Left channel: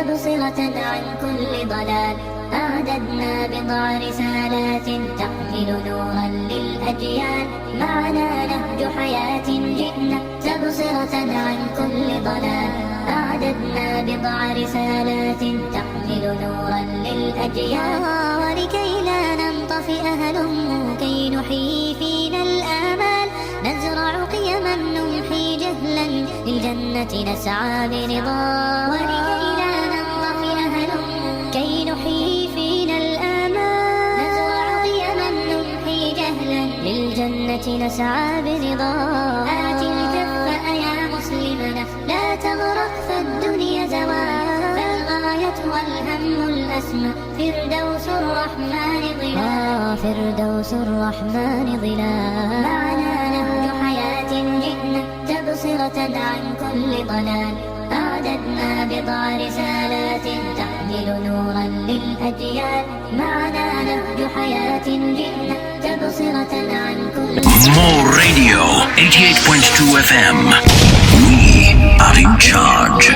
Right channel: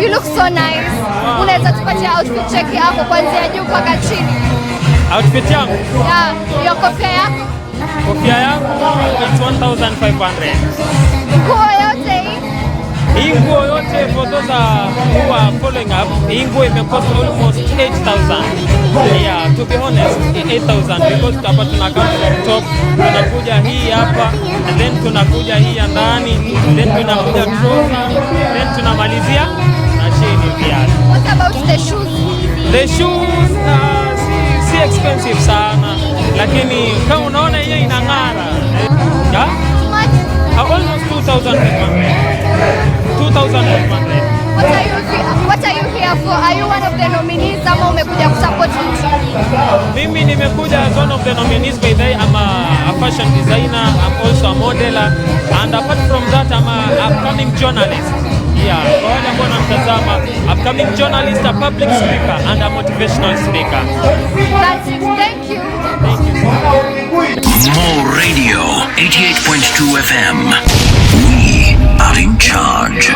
You look so nice. Unaweza tupatia outfit check yako kuanzia juu mpaka chini? Outfit yangu? Yeah, hiyo kofia yako? Kofia yangu it's 1,500. Nguo yote hii nguo yote for those who are following up, hii nguo imecost almost 8,000. Yeah, to be honest, 8,000 because hapa tunakaa top, tunakuja hii hapa, then tunakuja hii ya ndani, then tunakuja trousers, then tunamalizia na chini pia. What about the shoes? The shoes si expensive sana, lakini kama unaona hii inang'ara. Almost 2,500. What are you here for? Are you one of the nominees ama umekuja kusupport team? Mimi nimekuja as one of the nominees by the I'm a fashion designer, I'm also a modeler, and apart from that I'm a upcoming journalist. Yeah, upcoming journalist, a public speaker, and a motivational speaker. Thank you. More Radio 88.2 FM. We are in charge.